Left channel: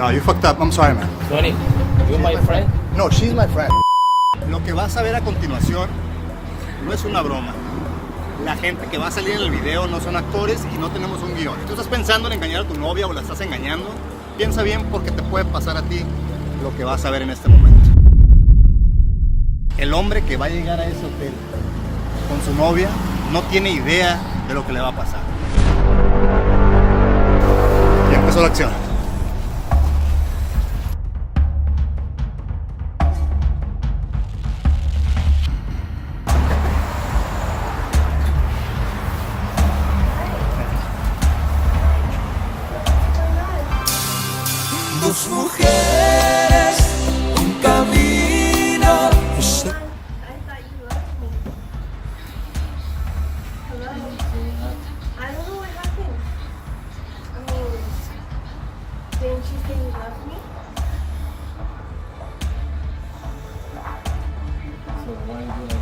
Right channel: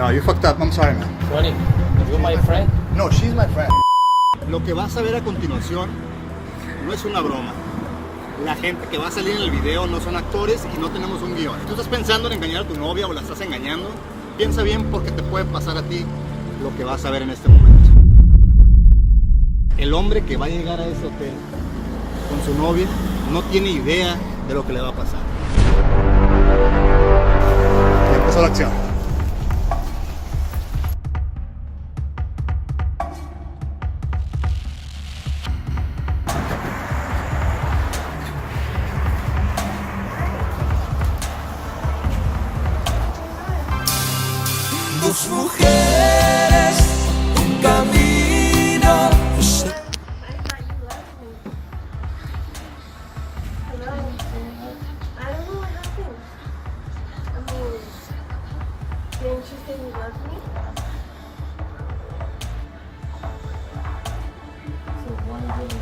No, you fucked up. I'm sorry, man. Tony, you my friend? No, she's my friend. Lo que vas a ver a continuación no es una broma. La gente que va a salir en el video no son actores y no tenemos un guión. Tú estás pensando en engañar a tu novia o la estás engañando. Piensa bien porque te puede pasar a ti lo que vas a ver en este momento. El hombre que va a llegar a ese hotel con su novia no tiene idea de lo que le va a pasar. Ya empezó la acción. Dos mujeres, un camino. I thought you loved me. Hello? I don't know what happened. I mean, didn't you say you loved me? So why would I?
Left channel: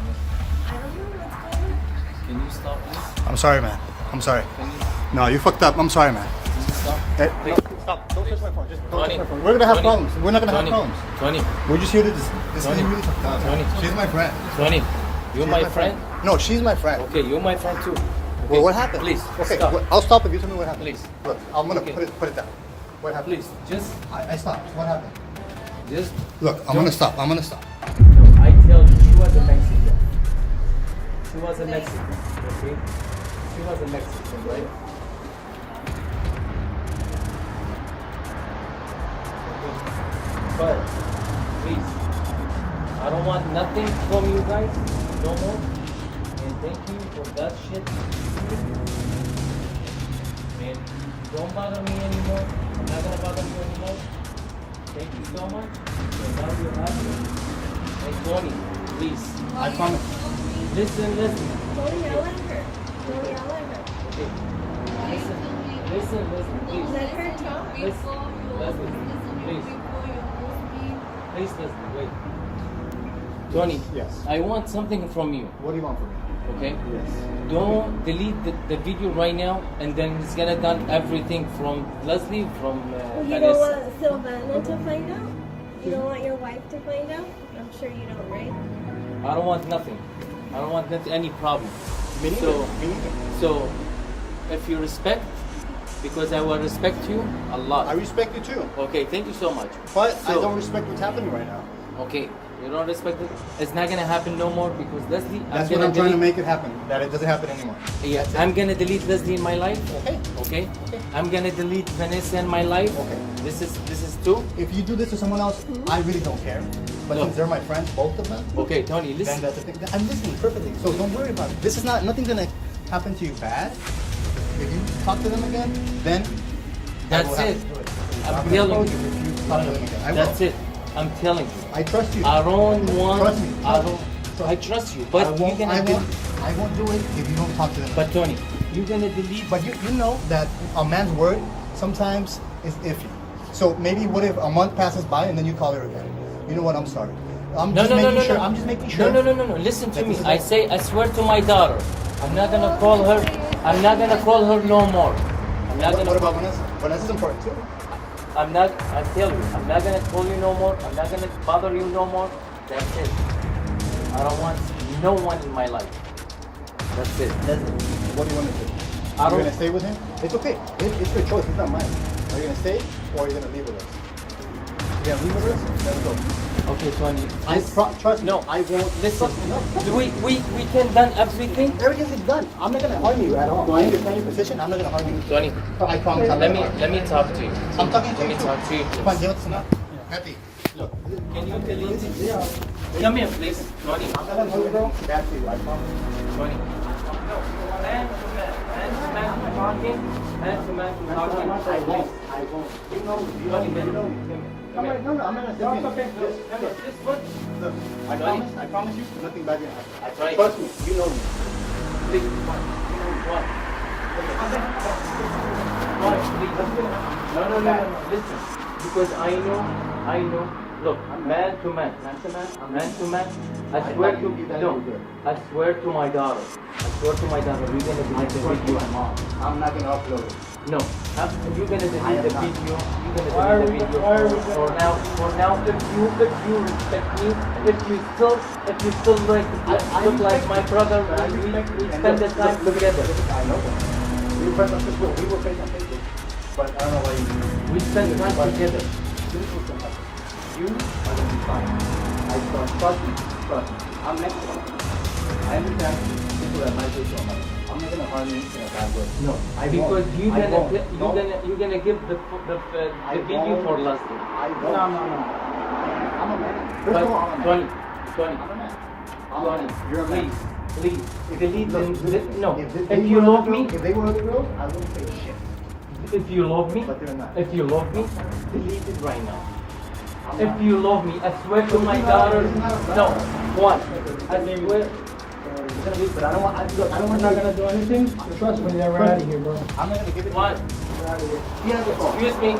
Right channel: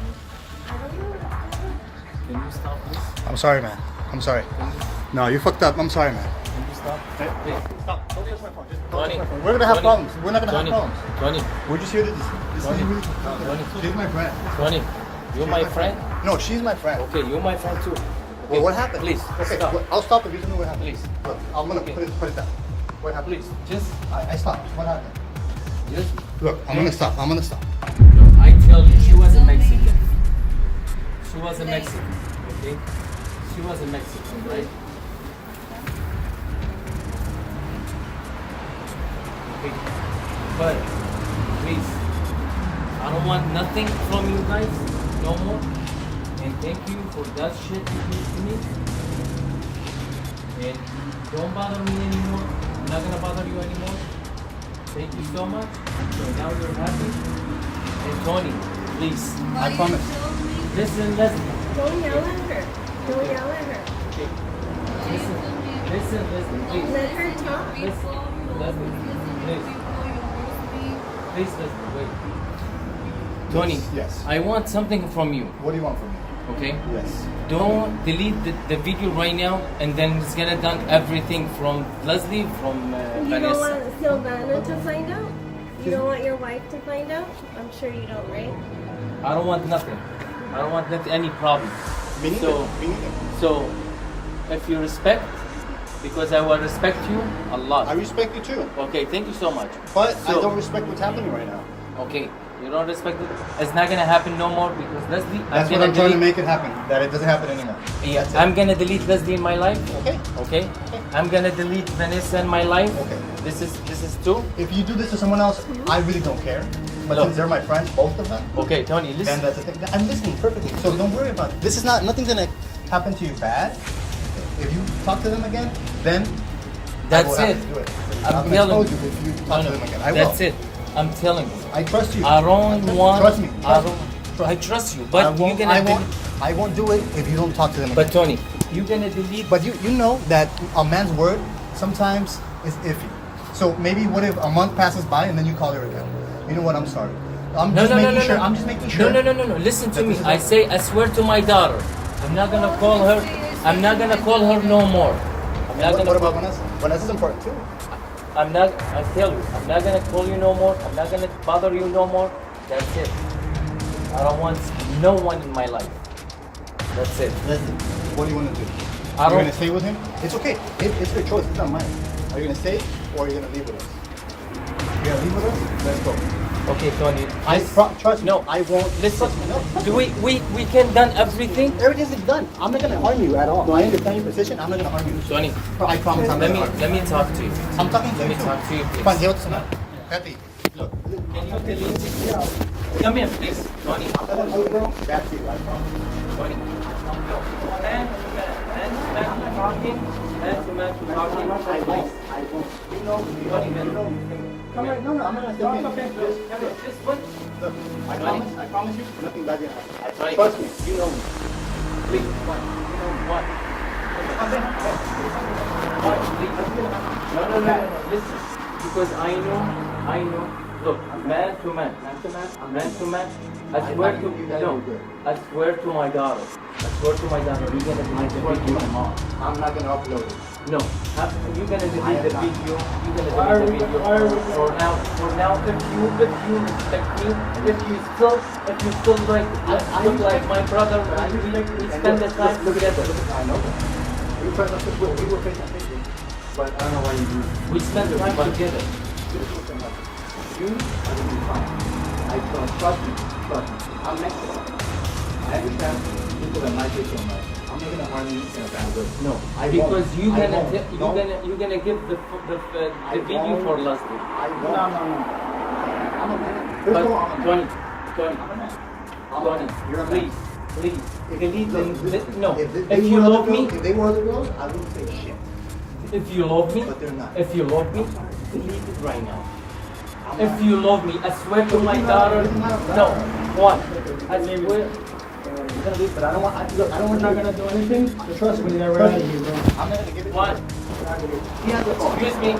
I don't know what's going on. Can you stop, please? I'm sorry, man. I'm sorry. Can you, No, you fucked up. I'm sorry, man. can you stop? Hey, Please. stop. Don't touch my phone. Just don't Tony, touch my phone. We're gonna have Tony, problems. We're not gonna Tony, have problems. Tony, We're just here to this Tony, is really tough. Tony. She's my friend. Tony, you my friend? No, she's my friend. Okay, you're my friend too. Well, what happened? Please, Okay, stop. I'll stop if you tell me what happened. Please. Look, I'm gonna Okay. put it down. What happened? Please, just, I stopped. What happened? just. Look, I'm gonna stop. I'm gonna stop. No, I tell you, she was a Mexican. She was a Mexican, okay? She was a Mexican, right? Okay. But, please, I don't want nothing from you guys, no more. And thank you for that shit you did to me. And don't bother me anymore. I'm not gonna bother you anymore. Thank you so much. So now you're happy. And Tony, please, I promise. listen. Don't yell at her. Don't yell at her. Okay. Listen, please. Let her talk. Listen, please. Please listen, wait. Tony, Yes. I want something from you, What do you want from me? okay? Yes. Don't delete the video right now, and then it's gonna done everything from Leslie, from You don't Vanessa. want Silvana to find out? You don't want your wife to find out? I'm sure you don't, right? I don't want nothing. I don't want any problem. Me neither. So, Me neither. so, if you respect, because I will respect you a lot. I respect you too, Okay, thank you so much. but I So- don't respect what's happening right now. Okay, you don't respect it. It's not gonna happen no more because Leslie. That's what gonna I'm trying to delete- make it happen. That it doesn't happen anymore. Yeah, That's it. I'm gonna delete Leslie in my life. Okay. Okay. Okay. I'm gonna delete Vanessa in my life. Okay. This is two. If you do this to someone else, I really don't care. But No. since they're my friends, both of them, Okay, Tony, then listen. that's the thing. I'm listening perfectly. So don't worry about it. This is nothing's gonna happen to you bad. If you talk to them again, then I will That's have it. to do it. I'm I've telling told you. you if you No, talk no, to them again. I that's will. it. I'm telling you. I trust you. I don't want. Trust me. I, don't, I trust you, but I won't, you're gonna. I won't do it if you don't talk to them. But again. Tony, you're gonna delete. But you know that a man's word sometimes is iffy. So maybe what if a month passes by and then you call her again? You know what? I'm sorry. I'm just making sure. I'm just making sure. No. Listen to that me. this is I not- say, I swear to my daughter, I'm not gonna call her. I'm not gonna call her no more. I'm not What gonna. about Vanessa? Vanessa's important too. I'm not. I tell you, I'm not gonna call you no more. I'm not gonna bother you no more. That's it. I don't want no one in my life. That's it. Listen, what do you want to do? I You're don't- gonna stay with him? It's okay. It's their choice. It's not mine. Are you gonna stay or are you gonna leave with us? You're gonna leave with us? Let's go. Okay, Tony. Trust me. No. I won't. Listen. Trust me. No. Do we can done everything? Everything's done. I'm not gonna harm you at all. Do I understand your position? I'm not gonna harm you. Tony, I promise I'm not gonna harm you. let me talk to you. I'm talking to Let you. me talk to you, Come on, please. deal with tonight. Happy. Look. Can you delete? Come here, please, Tony. I'm not gonna hold you, girl. That's you. I promise. Tony. Man to man talking. Man to man talking. I won't. You know. You know. Come on. No, I'm not gonna step in. Okay. Just look. Look. I promise you. Nothing bad will happen. Tony. Trust me. You know me. Please, come. You know what? No. Listen, because I know. Look, man to man. I swear to no. I swear to my daughter. You're gonna delete the video tomorrow. I'm not gonna upload it. No, you're gonna delete the video. You're gonna delete the video. For now, if you respect me, if you still like my brother, we spend the time together. I know that. We were trying to we were face to face, but I don't know why you do. We spend time together. You are gonna be fine. I trust me. Trust me. I'm next to you. I understand people that might take so much. I'm not gonna harm you in a bad way. No, because you're gonna give the video for last week. Tony, please, believe me. No, if you love me, if they were other girls, I wouldn't say shit. if you love me, But they're not. if you love me, delete it right now. If you love me, I swear to my daughter. No, what? I swear. But I don't want. Look, I don't want. We're not gonna do anything. Trust me, they're out of here, bro. I'm not gonna give it. What? He has a phone. Excuse me.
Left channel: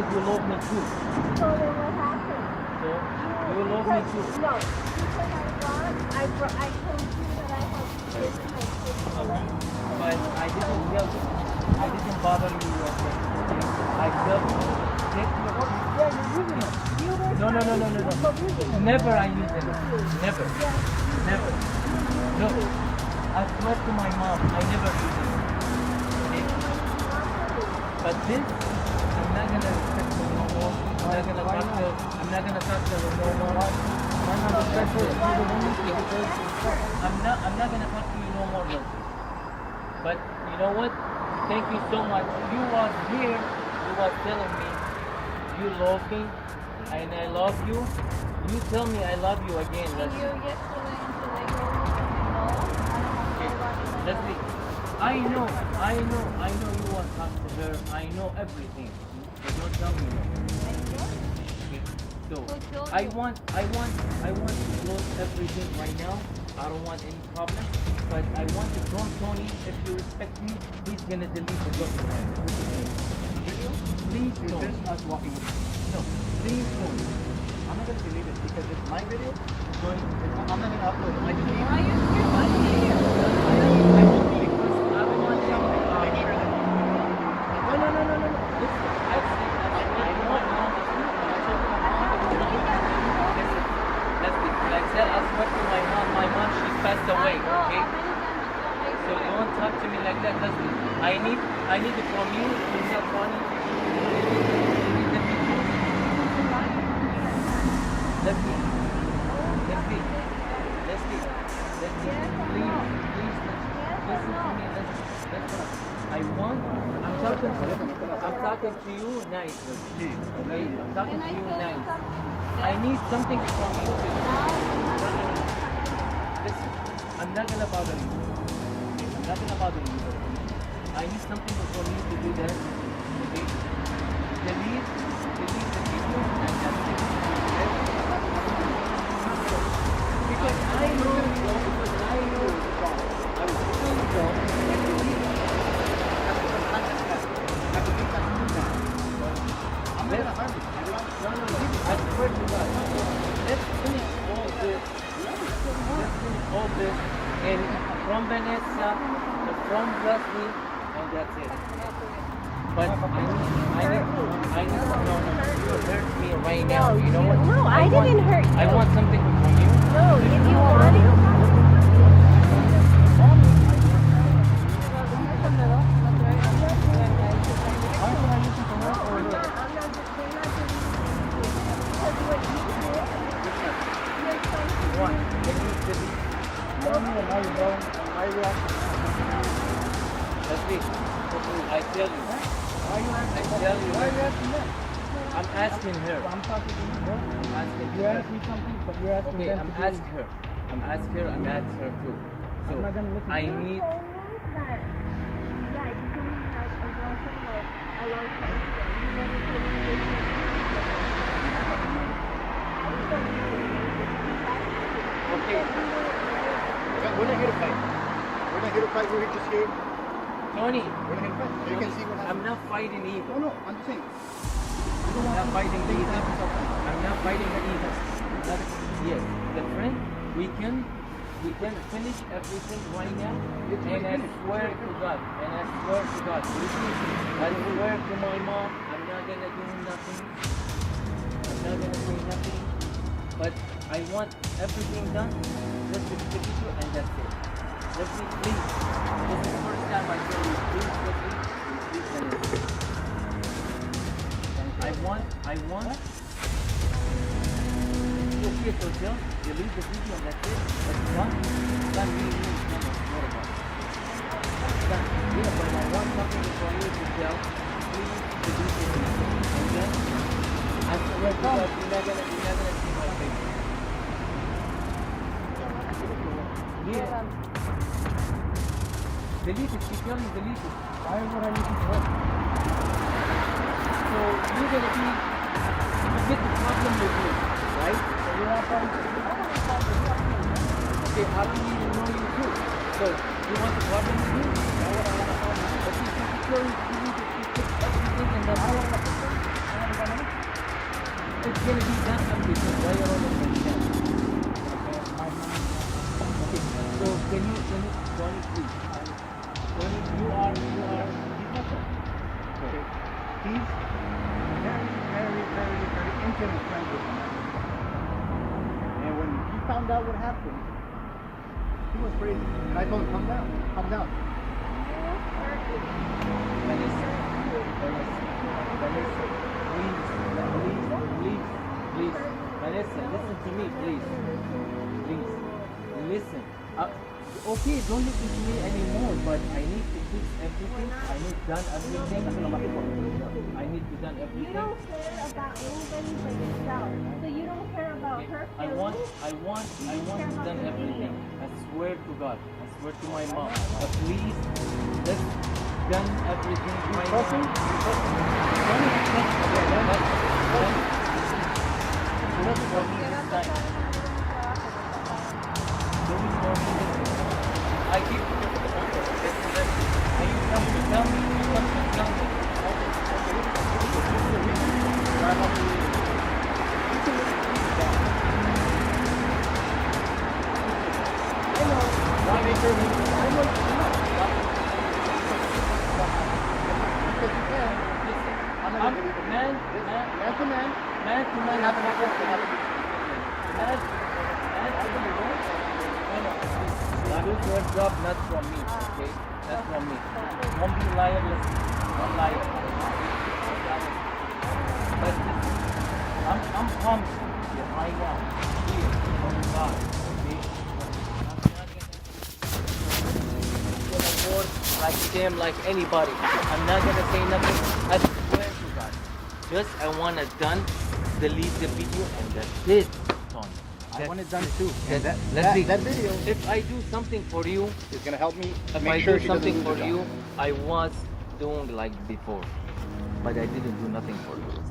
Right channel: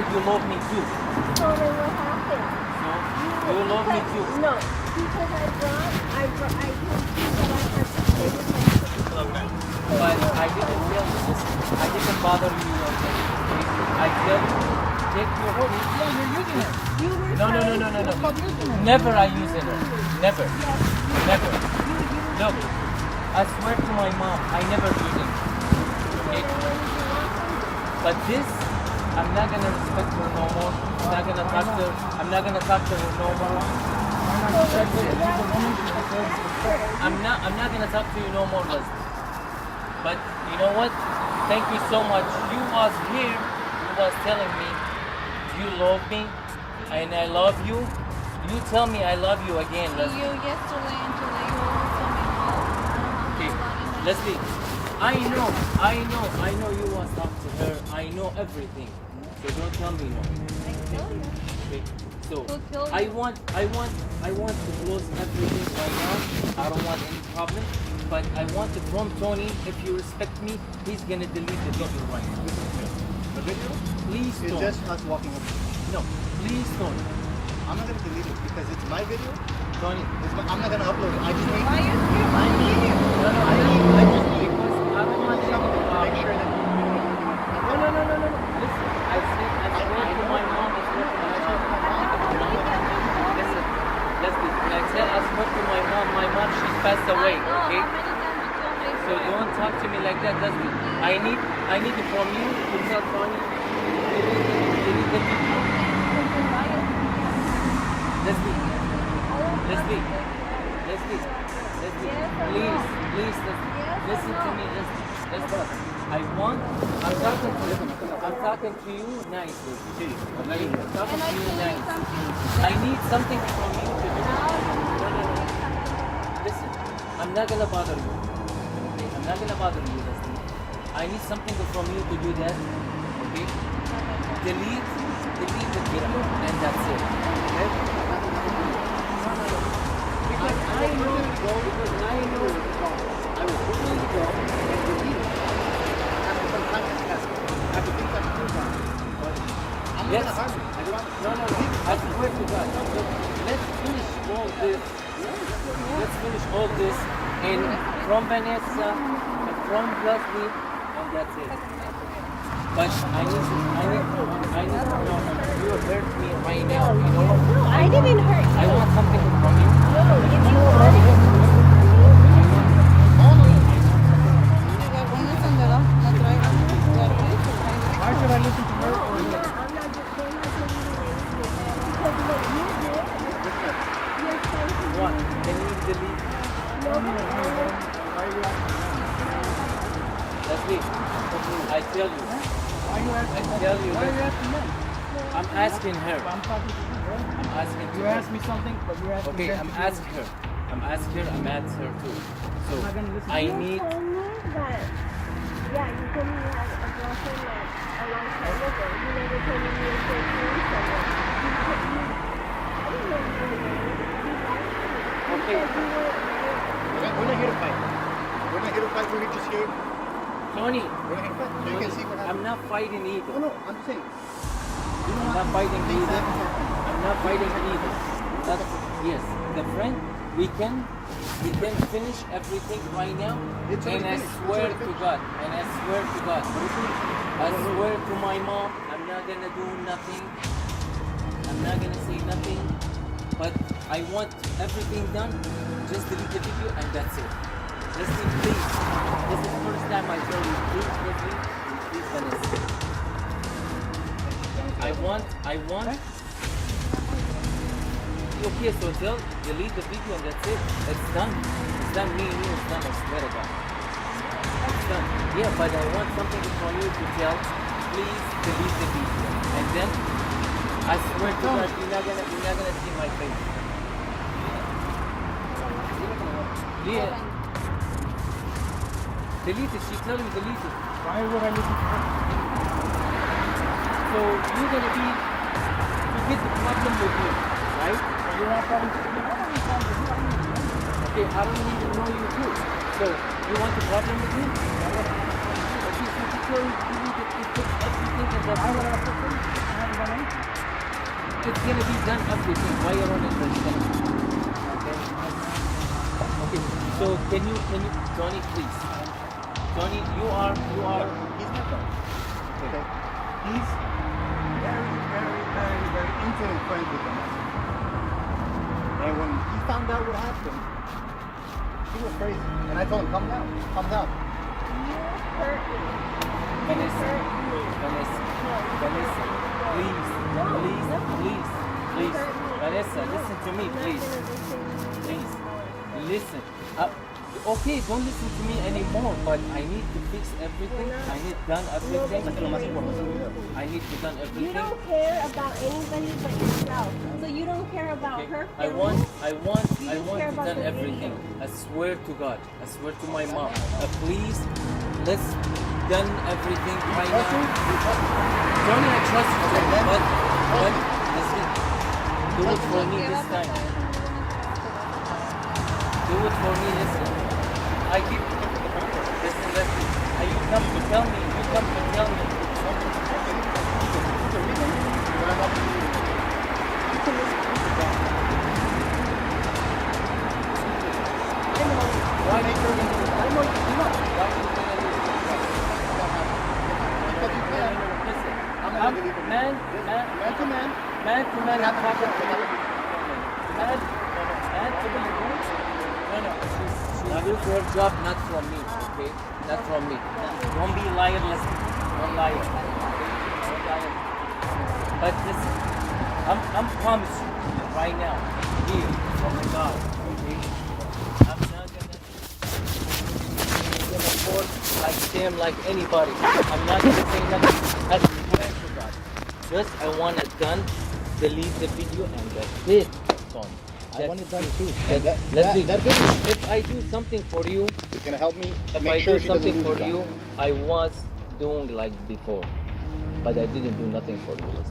You love me too. So then what happened? So you love me too. No. People that I brought, I told you that I had to stay with my kids. Okay. But I didn't tell you this. I didn't bother you. I tell you, take your phone. Yeah, you're using it. You were No. Never I use it. Never. Never. Look, I swear to my mom, I never use it. Okay? But this, I'm not gonna respect her no more. I'm not gonna talk to her. I'm not gonna talk to her no more. That's it. I'm not gonna talk to you no more, Leslie. But you know what? Thank you so much. You was here. You was telling me you love me and I love you. You tell me I love you again, Leslie. You yesterday and today you always told me no. I don't want Okay, nobody. Leslie. I know you want to talk to her. I know everything. So don't tell me no. I tell you. Okay. So Who told I you? want to close everything right now. I don't want any problem. But I want to from Tony, if you respect me, he's gonna delete the doctor right now. The video Please is don't. just us walking up. No, please don't. I'm not gonna delete it because it's my video. Tony. I'm not gonna upload it. I just need. Why you skip my video? I just need something to make sure that you know. No. Listen, I know my mom is working. Listen, Leslie, like I said, I spoke to my mom, she's passed away, okay? So don't talk to me like that, Leslie. I need it from you to tell Tony. Delete the video. Leslie, please, listen to me, Leslie. I'm talking to you nice, Leslie. Okay? I'm talking to you nice. I need something from you to do. Listen, I'm not gonna bother you. Okay? I'm not gonna bother you, Leslie. I need something from you to do that. Okay? Delete the video and that's it. Because I know I'm really going and delete it. Let's, no, I swear to God. Let's finish all this. Let's finish all this. And from Vanessa, from Leslie, and that's it. But I need to hurt me right now. You know what? No, I didn't hurt you. I want something from you. No, if you want it. Uno es vendedor, no traigan. Why should I listen to her or No, her? I'm not. Because what you did, you're trying to One, can you delete? I don't even know, bro. Why are you asking? Leslie, I tell you. Why you asking? I tell you, Why are you asking them? I'm asking her. I'm talking to you, bro. I'm asking You her. asked me something, but you're asking Okay, them I'm to do it. asking her. I'm asking her. I'm asking her too. So I'm not gonna listen to I you. need. told me, but yeah, you told me you had a girlfriend like a long time ago. You never told me you were 14. Okay. We're not here to fight. We're not here to fight. We're just here. Tony, We're not here to fight. So you can see what happens. I'm not fighting either. No, I'm just saying. I'm not fighting either. I'm not fighting either. That's, yes, the friend, we can finish everything right now. It's And I already finished. swear It's already to God, and I swear to God, I swear to my mom, I'm not gonna do nothing. I'm not gonna say nothing. But I want everything done. Just delete the video and that's it. Leslie, please. This is the first time I tell you, please, Leslie, and please, Vanessa. I want. Okay, so delete the video and that's it. It's done. It's done. Me, it's done. I swear to God. It's done. Yeah, but I want something from you to tell. Please delete the video. And then, I swear to God, you're not gonna see my face. Yeah. Delete it. She tell me delete it. Why would I listen to her? So you're gonna be hit with me, right? You want problems? Okay, I don't even know you too. So you want to problem with me? Okay, so you tell me delete it. You put everything in that. It's gonna be done everything. Why you don't understand? Okay. So can you, Tony, please? Tony, you are. He's my friend. Okay. He's apparently very intimate friends with me. And when he found out what happened, he was crazy. And I told him, calm down, calm down. Vanessa, please. Vanessa, listen to me, please. Please, listen. Okay, don't listen to me anymore, but I need to fix everything. I need done everything. I need to done You everything. don't care about anybody but yourself. So you don't care about her I feelings. want You just care to about done the everything. video. I swear to God. I swear to my mom. Please, let's done everything right now. Tony, I trust you. But listen, do it for me this time. Do it for me this time. I keep listen. You come to tell me. Why they turn me? I know. Man to man, I'm not going to Now this is your job, not from me, okay? Not from me. Don't be liarless. Don't lie. But listen, I'm promise you that right now, here, from God, okay? I'm not gonna work like them, like anybody. I'm not gonna say nothing. Just I want it done, delete the video, and that's it. I want it done too. And Let's see. that video If I do something for you, is going to help me if make I sure do she doesn't something lose for her you, job. I was doing like before, but I didn't do nothing for you.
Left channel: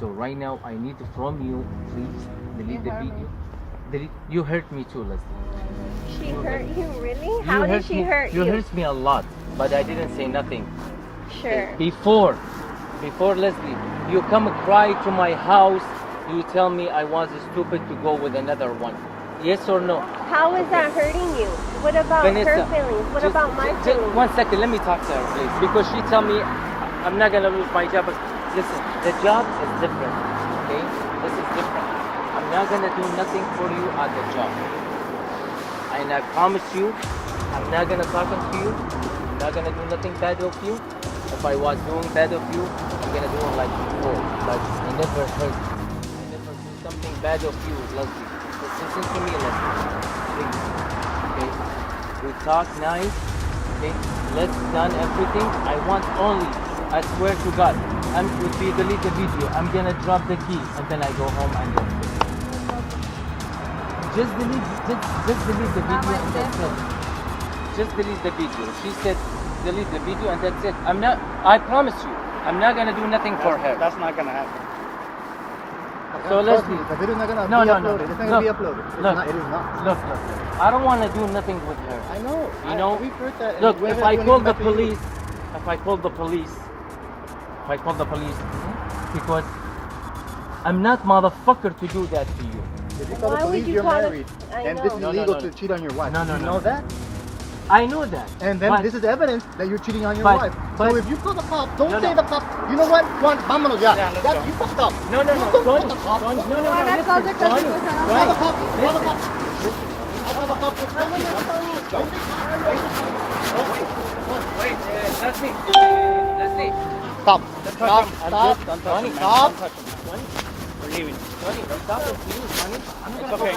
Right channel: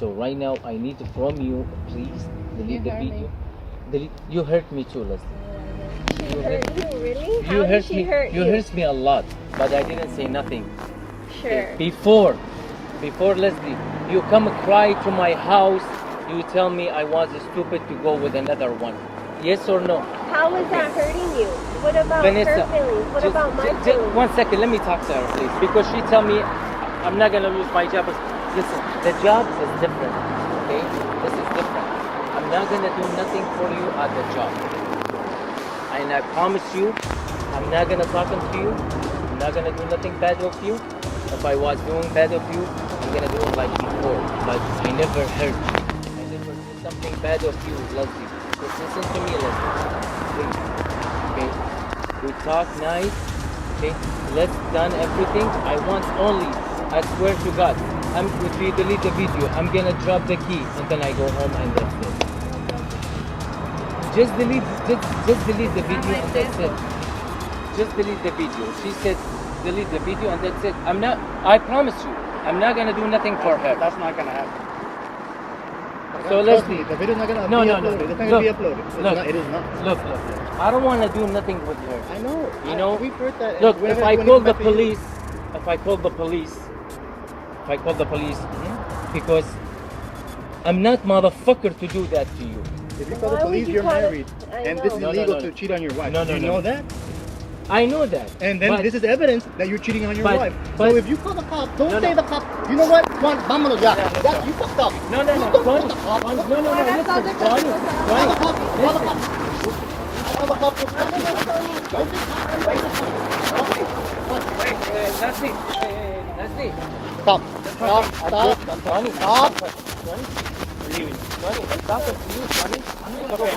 So right now, I need from you, please delete the video. You hurt me too, Leslie. She hurt you, really? You How did hurt she me. hurt You you? hurt me a lot, but I didn't say nothing. Sure. Before Leslie, you come cry to my house. You tell me I was stupid to go with another one. Yes or no? How is that hurting you? What about Vanessa, her feelings? What just, about my just feelings? 1 second. Let me talk to her, please, because she tell me I'm not gonna lose my job. Listen, the job is different. Okay, this is different. I'm not gonna do nothing for you at the job, and I promise you, I'm not gonna talk to you. I'm not gonna do nothing bad of you. If I was doing bad of you, I'm gonna do it like before. But I never hurt you. I never did something bad of you, Leslie. Just listen to me, Leslie. Please. Okay? We talk nice. Okay, let's done everything. I want only, I swear to God, if you delete the video, I'm gonna drop the key and then I go home and that's it. Just delete the video and that's it. Just delete the video. She said delete the video and that's it. I promise you, I'm not gonna do nothing for her. That's not gonna happen. So let's see. The video's not gonna No, be no, uploaded. no. It's not gonna be uploaded. It's Look. not, it is not. Look, I don't want to do nothing with her. I know. You know, we've heard that. Look, We're if I going call back the to you. police, because I'm not motherfucker to do that to you. If you call the Why police, would you you're call it- married, I and know. this is No, illegal no. to cheat on your wife. No, no, you no, know no. that? I know that. And then but, this is evidence that you're cheating on your but- wife. but- So if you call the cops, don't No, say no. the cops. You know what? Juan, vámonos ya. Ya, you fucked up. No, no, no, Don't call Tony. the cops. No, no, no, listen, Tony. Call the cops. Call the cops. Call the cops. That's it. Stop. Stop. Stop. Tony, Stop. Tony, I'm talking to you, Tony. Okay.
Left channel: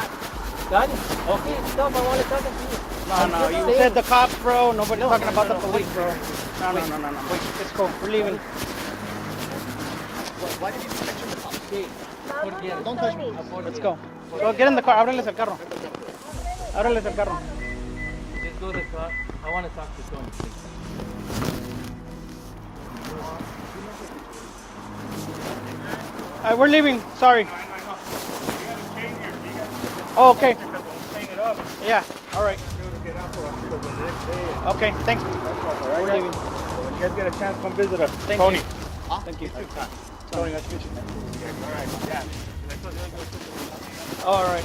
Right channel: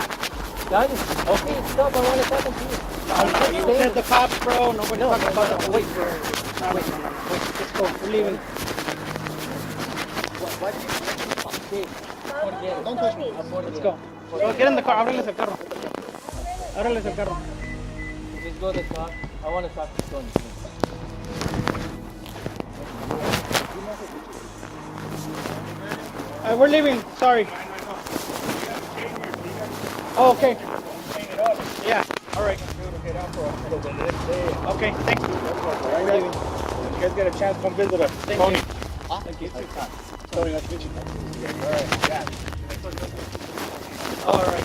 Tony, okay, stop, I want to talk to you. You said the cops, bro. Nobody's talking about the police, bro. Wait. Let's go. We're leaving. Don't touch me. Let's go. Get in the car. Ábreles el carro. Ábreles el carro. Just go to the car. I want to talk to Tony. We're leaving. Sorry. Oh, okay. Yeah. All right. Okay. Thanks. When you guys get a chance, come visit us. Thank you. Thank you. Tony, nice to meet you. All right.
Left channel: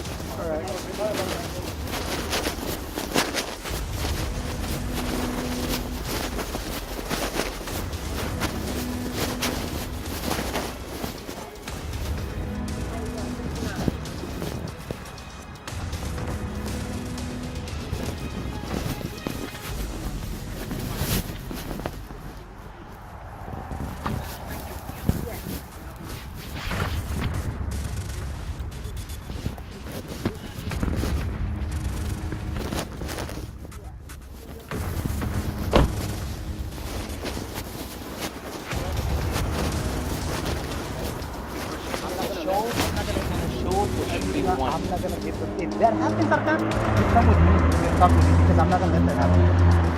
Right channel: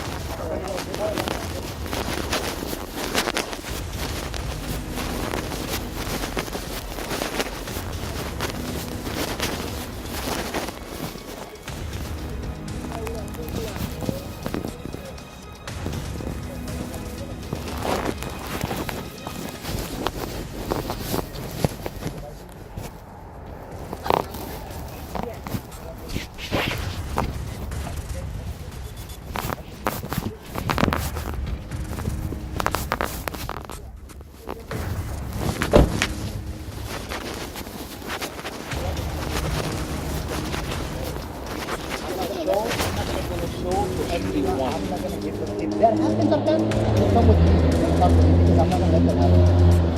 If that happens like that, you come with me and talk to me because I'm not gonna let that happen.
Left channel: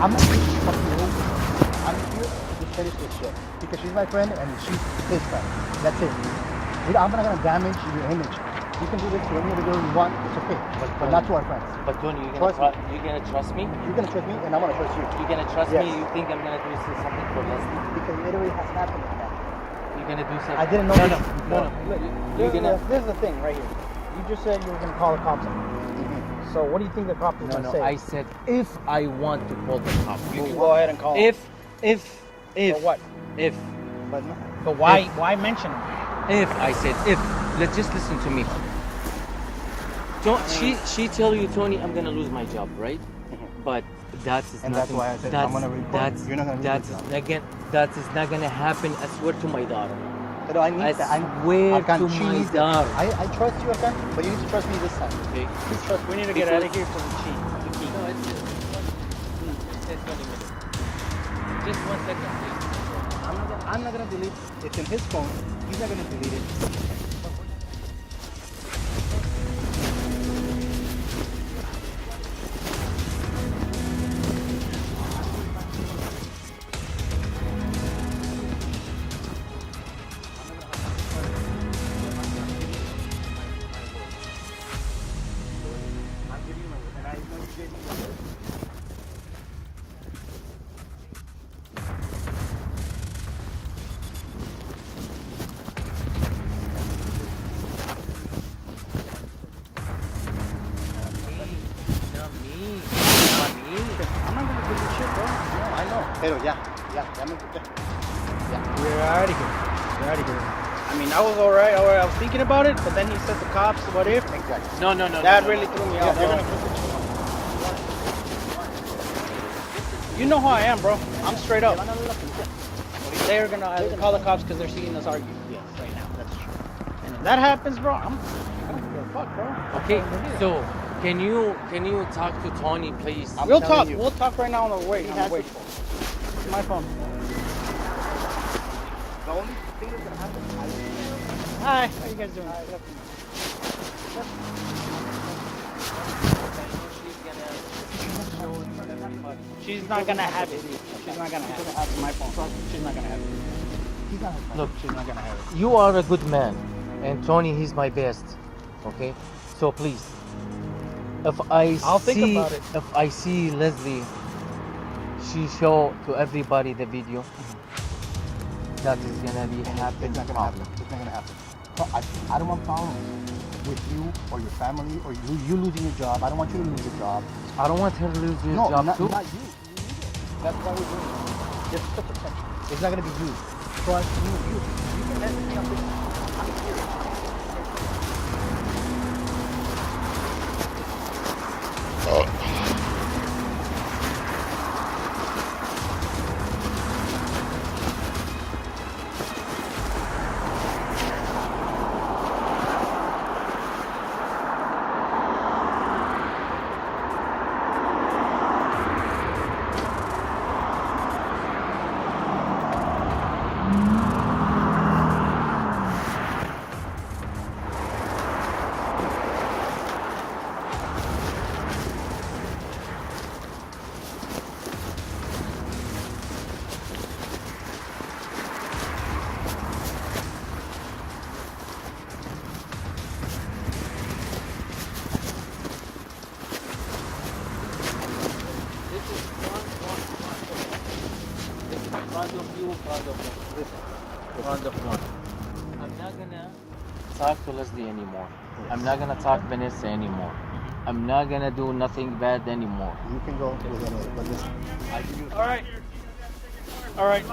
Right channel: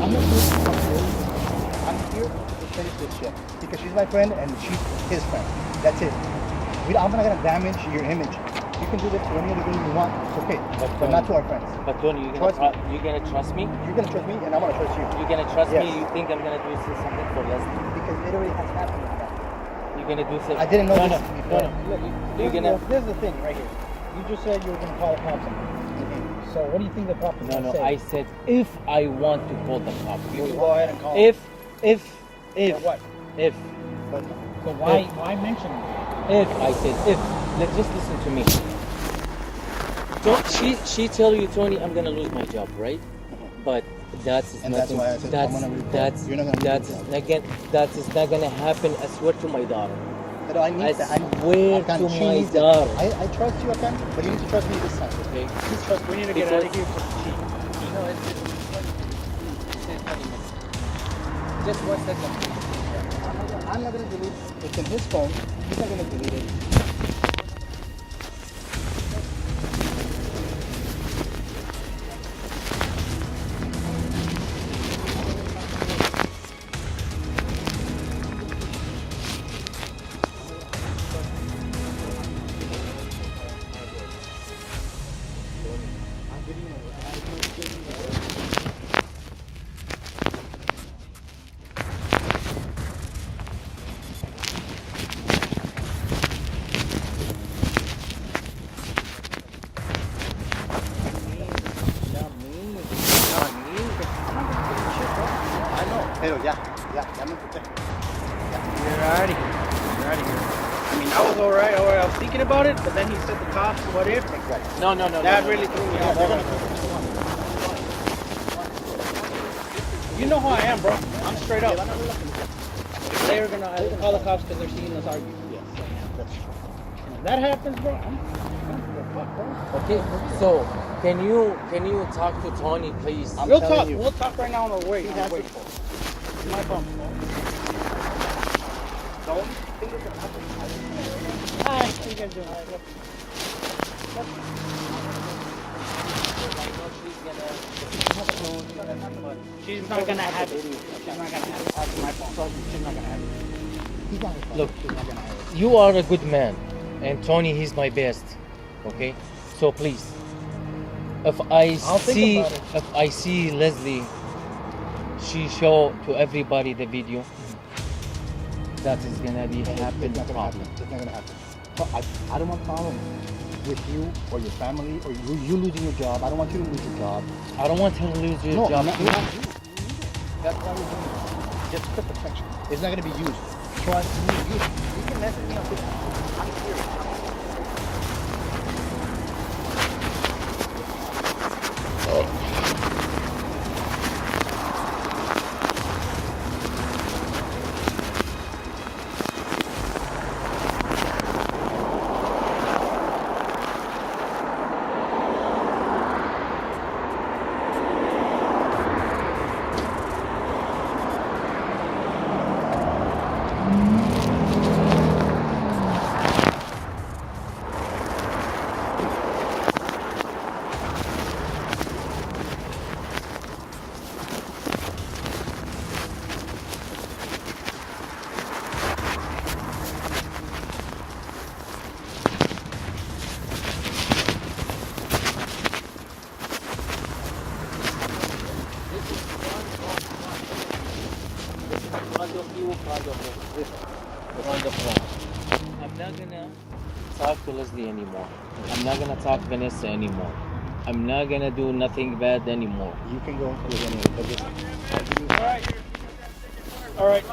I'm not here. I'm here to show you this shit because she's my friend and she's his friend. That's it. I'm not gonna damage your image. You can do this to any other girl you want. It's okay, but not to our friends. But Tony, you Trust gonna trust me? You're gonna trust me, and I'm gonna trust you You're gonna trust Yes. me? You think I'm gonna do something for Leslie? because it already has happened. You're gonna do something? I didn't know this No, before. no. You're gonna. Here's the thing right here. You just said you were gonna call the cops. So what do you think the cops are No, gonna no. say? I said if I want to call the cops. You can go ahead and call. If For what? if But why mention them? if I said if, let's just listen to me. She tell you, Tony, I'm gonna lose my job, right? But that's And that's nothing. why I said I'm gonna report. That's You're not gonna that's report. again. That is not gonna happen. I swear to my daughter. You know, I need I that. swear Afghan, to she my needs it. daughter. I trust you, Afghan, but you need to trust me this time. Okay. Please trust We me. need to get out of here for the cheat. Just 1 second, please. I'm not gonna delete it. It's in his phone. He's not gonna delete it. Pero ya me escuché. We're out of here. We're out of here. I mean, that was all right. I was thinking about it, but then he said the cops. What if? No. That really threw me off. You know how I am, bro. I'm straight up. They're gonna call the cops because they're seeing us argue. Yes. And if that happens, bro, I'm gonna fuck, bro. Okay, so Can you talk to Tony, please? We'll talk. We'll talk right now on the way. Wait. My phone. The only thing that's gonna happen is Hi. How you guys doing? She's not gonna have it. She's not gonna have it. She's not gonna have it. Look, She's not gonna have it. you are a good man, and Tony, he's my best. Okay, so please, if I see Leslie, she show to everybody the video, that is gonna be happen. It's not gonna happen. It's not gonna happen. No, I don't want problems with you or your family or you losing your job. I don't want you to lose your job. I don't want her to lose your job not too. you. That's why you're doing it. Just for protection. It's not gonna be used. Trust me. You can message me up with I'm here. I'm not gonna talk to Leslie anymore. I'm not gonna talk to Vanessa anymore. I'm not gonna do nothing bad anymore. You can go to the All right.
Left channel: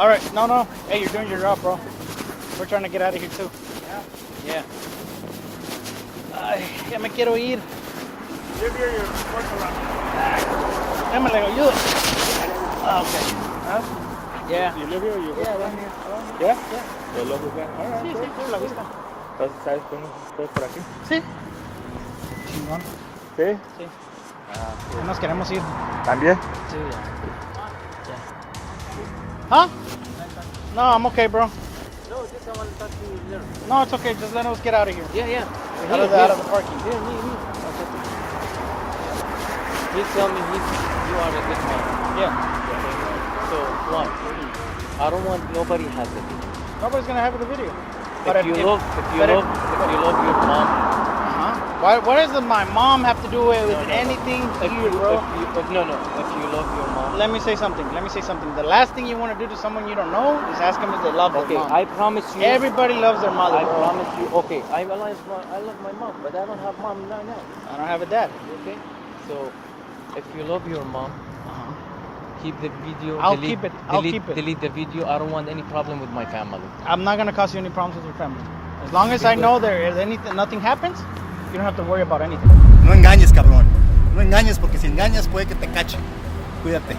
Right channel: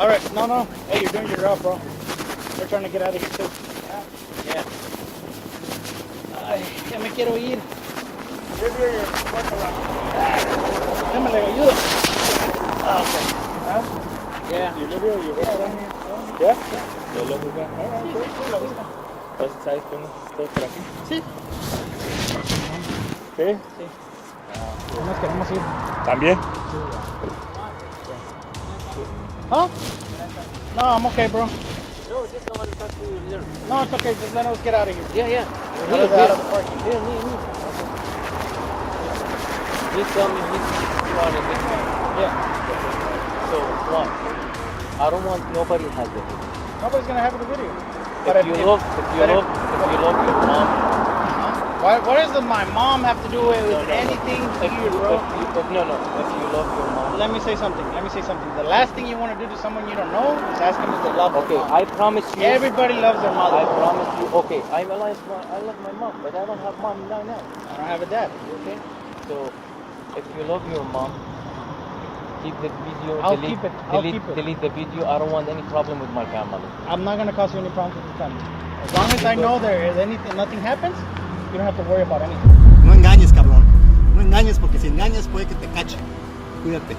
All right. No. Hey, you're doing your job, bro. We're trying to get out of here too. Yeah. Ay, ya me quiero ir. Déjame le ayudo. Yeah. You live here or you work around here? Yeah. ¿Lo loco bien? ¿Sabes cómo estoy por aquí? Sí. Sí. Nos queremos ir. ¿También? Huh? No, I'm okay, bro. No, just I want to talk to you later. No, it's okay. Just let us get out of here. Yeah. He tell me you are a good man. Yeah. So, I don't want nobody has the video. Nobody's gonna have the video. If you love your mom, What does my mom have to do with anything here, bro? if you love your Let me say something. The last thing you want to do to someone you don't know is ask them if they love them. okay, I promise you. Everybody loves their I mother. promise you. Okay, I love my mom, but I don't have mom right now. I don't have a dad. Okay, so if you love your mom, keep the video. I'll delete, keep it. Delete the video. I don't want any problem with my family. I'm not gonna cause you any problems with your family. As long as I know there is anything, nothing happens, you don't have to worry about anything. No engañes, cabrón. No engañes porque si engañas puede que te cachen. Cuídate.